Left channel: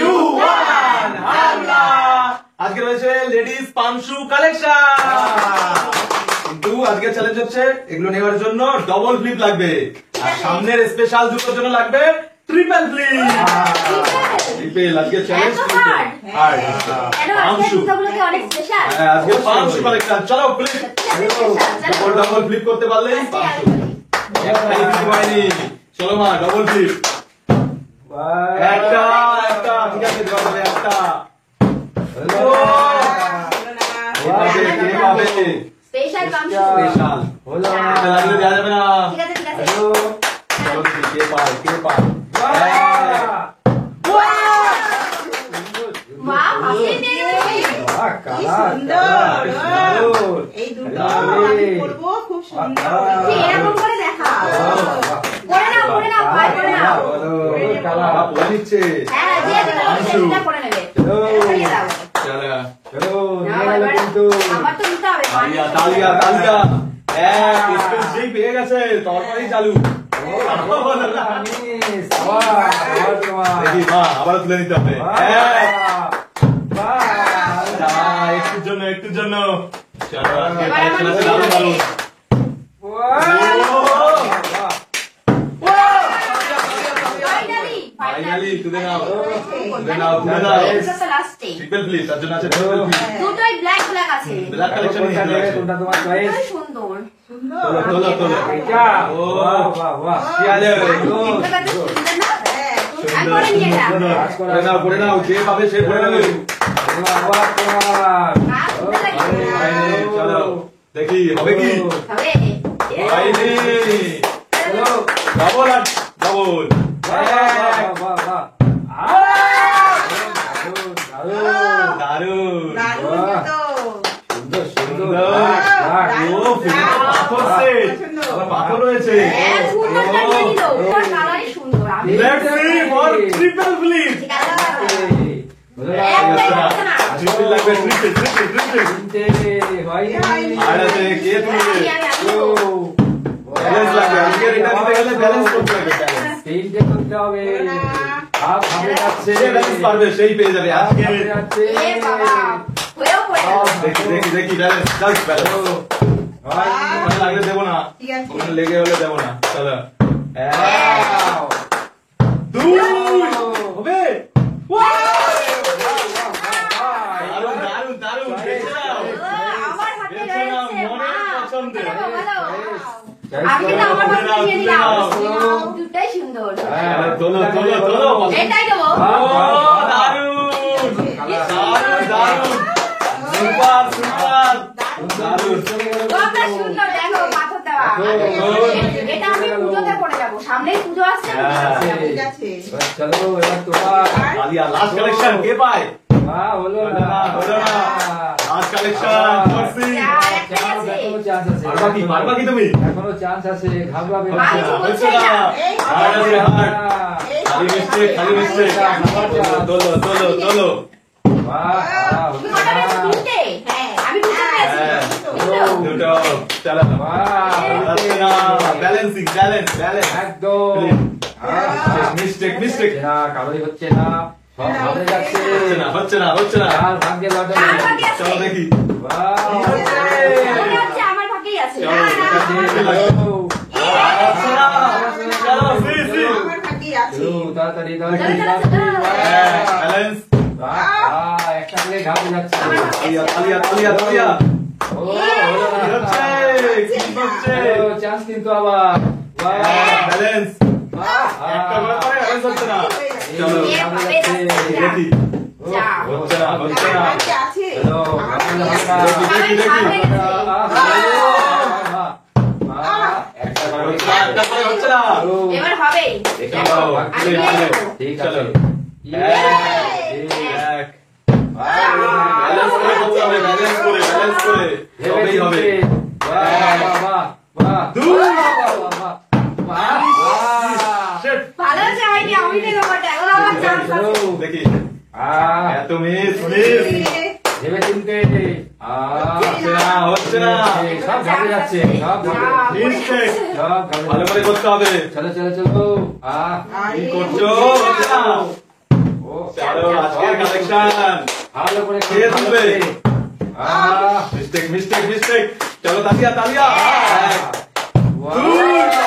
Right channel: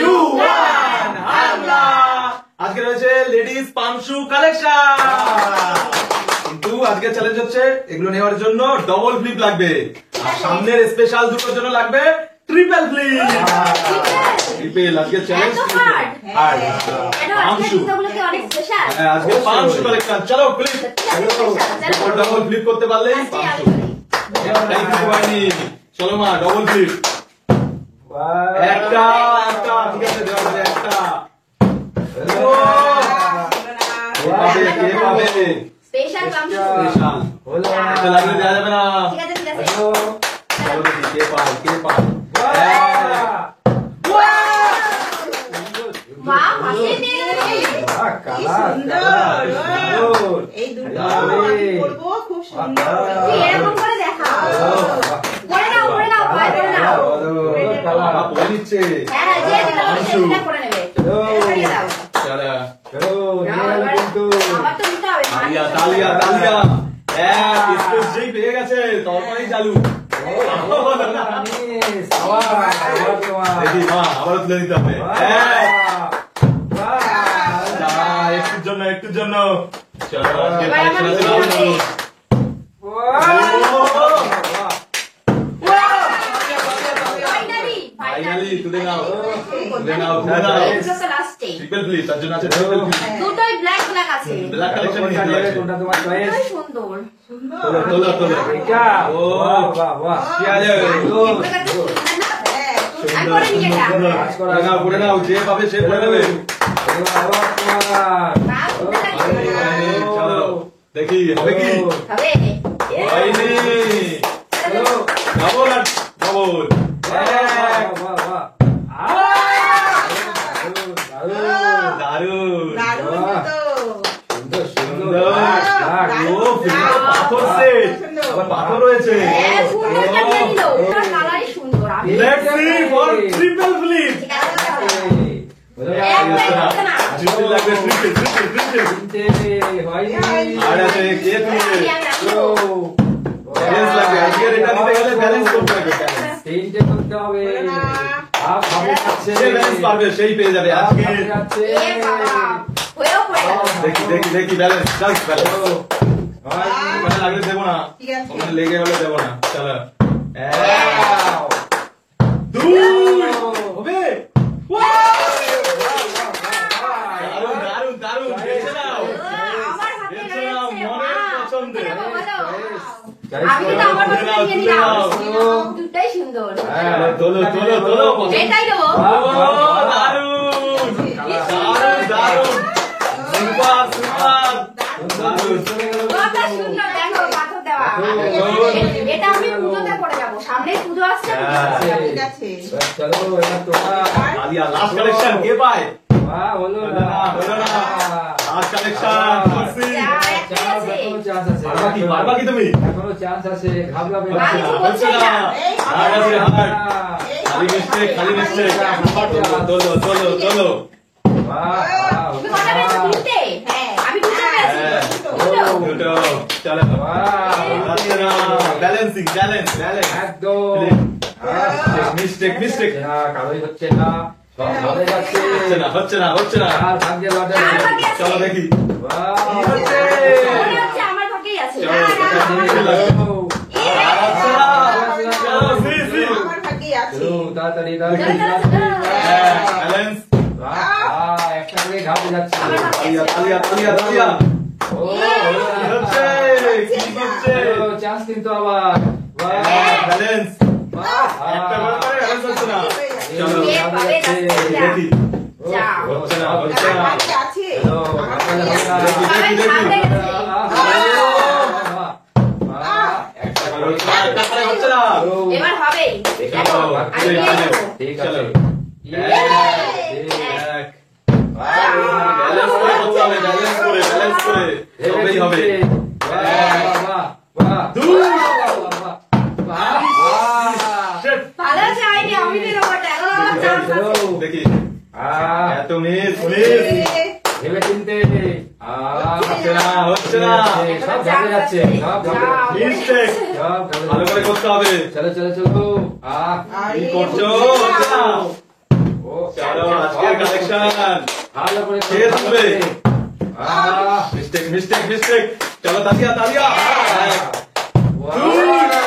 2 1 হামলা। আজকে রয়েছে লেডিস পামশু কালেকশন, কিন্তু আজকে চ্যালেঞ্জ হচ্ছে এগুলো নেওয়ার জন্য ডবল ফ্লিপ লাগবে, আর সামনের স্পেশাল জুতোর জন্য লাগবে ট্রিপল ফ্লিপ। ট্রিপল আজকে চ্যালেঞ্জ পামশু, আজকে পামশু কালেকশন। চলো ফ্লিপ, ডবল ফ্লিপ করতে পারলে পামশু। চলো মা ডবল ফ্লিপ, একটা একটা ঠিক আছে, দেওয়া যাবে একটা। কে পাবে স্পেশাল পামশু, স্পেশাল হলো এটা লাগিয়ে দেওয়া যাবে না। ঠিক আছে ঠিক আছে, চলো দেখি কে পায় কে পায়। মা হাসি নে, বাহ কালা সুন্দর, এই দুটো করব খুব সুন্দর। এরকম করে দেখা, করে নাও করে নাও ভাই করে নাও। কালা পড়ে নিচ্ছে, হ্যাঁ যে এটা করে নেবে। চলো চলো নিয়ে গেল কিন্তু আমার তো নিতে হবে। তালিয়া তালিয়া তালিয়া, হ্যাঁ বিস্কুট যেই পেয়ে গেছে তরকারি চালু। দেখি মা আবার তুলে নিতে হবে, একটুর জন্য একটুর জন্য। চলো আজকে কালেকশন আছে দারুণ দারুণ। ফাইনালি তুলে নাও তুলে নাও তুলে নাও। ট্রিপল ফ্লিপ, তার জন্য আছে ট্রিপল ফ্লিপ। দুটোই ব্ল্যাক ব্ল্যাক আছে, ব্ল্যাক কালেকশন নিতে হবে। কোনটা তোমার চয়েস? সুন্দর সুন্দর। তোলো তোলো তোলো, এটা ও বাহ বাহ কি আছে সুন্দর সুন্দর সুন্দর। পরে নাও পরে নাও, যে পাবে সে পরে নেবে। চলো দেখি হবে কি, হয়নি। ডবল আর ডবল, দারুন সুন্দর সুন্দর পাথর সেট, পাথর রয়েছে। Let's see for triple flip. Triple লাগবে, ট্রিপল ট্রিপল ট্রিপল। আর আছে কে তুলবে, ব্যালেন্স লাগবে। আজকে এটা দিতে গেলে ব্যালেন্স করতে হবে, ব্যালেন্স তিনটে করতে হবে। আর ভাবে যাচ্ছে যে ব্যালেন্স পারবে সেই পেয়ে যাবে আজকে। দেখি দেখি দেখি ব্যালেন্স জাস্ট ব্যালেন্স। ওখানে লাগলে দেবো না, ওখানে লেগে হলে দেবো না। চলো দুই হবে। দারুন দারুন দারুন, বেছে নাও বেছে নাও মনের পছন্দের। দুটাই সুন্দর, তোলো তোলো তোলো, এটাই দেবো। দারুন দারুন দারুন, সুপার সুপার দারুন। সুন্দর দেখো পাথর দেওয়া, এটা আমি পুজোতে পড়ে যাবো, সামনেই পুজো আসছে। চলো এবার তোমার আলিয়া লাস্ট কালেকশন কে পায়? হলো হলো না না হলো না, লাস্ট কালেকশন করছি। পারবা কি পারবা কি তুমি? এখনো চান্স আছে, ঘাবড়াবে না। হচ্ছে না, হার্ড আছে হার্ড, খালি মিস্টেক খালি মিস্টেক। তোলো তোলো তোলো, দুটো চলো। ব্যালেন্সিং ব্যালেন্স ব্যালেন্স একদম মিস্টেক মিস্টেক। কারোই হচ্ছে না, সব ভাবে যাচ্ছে। হচ্ছে না হচ্ছে না হচ্ছে না। আর ভাগ্যের লটারি। চলো দেখি আমার ভাগ্যেই আছে। তাড়াতাড়ি তাড়াতাড়ি ব্যালেন্স। একটা করে ঘাবড়ে যাচ্ছে। তালিয়া তালিয়া তালিয়া, চান্স কিন্তু আবার ব্যালেন্স একটা করে পারে, ব্যালেন্স হচ্ছে না। চলো দেখি হচ্ছে না হচ্ছে না। দেখি দেখি দেখি, একটা করে হচ্ছে না। এবার হবে, ঠিক আছে। ব্যালেন্স করে করতে হবে, ব্যালেন্স করে ব্যালেন্স করে তবেই হবে। ভালো যায়নি, আমি দেখি এত মিস মিস, ভেবে চিনতে হচ্ছে না হচ্ছে না, সব ঝাঁপে যাচ্ছে, সব ঝাঁপে মিস্টেক ভালো করে করতে হবে। চলো চলো চলো। কি করছো? হচ্ছে না। চলো আজকের কালেকশন ভালো করে দিয়ে তুলবে। আহ, মিস্টেক মিস্টেক মিস্টেক। চলো তালিয়া তালিয়া। বাহ।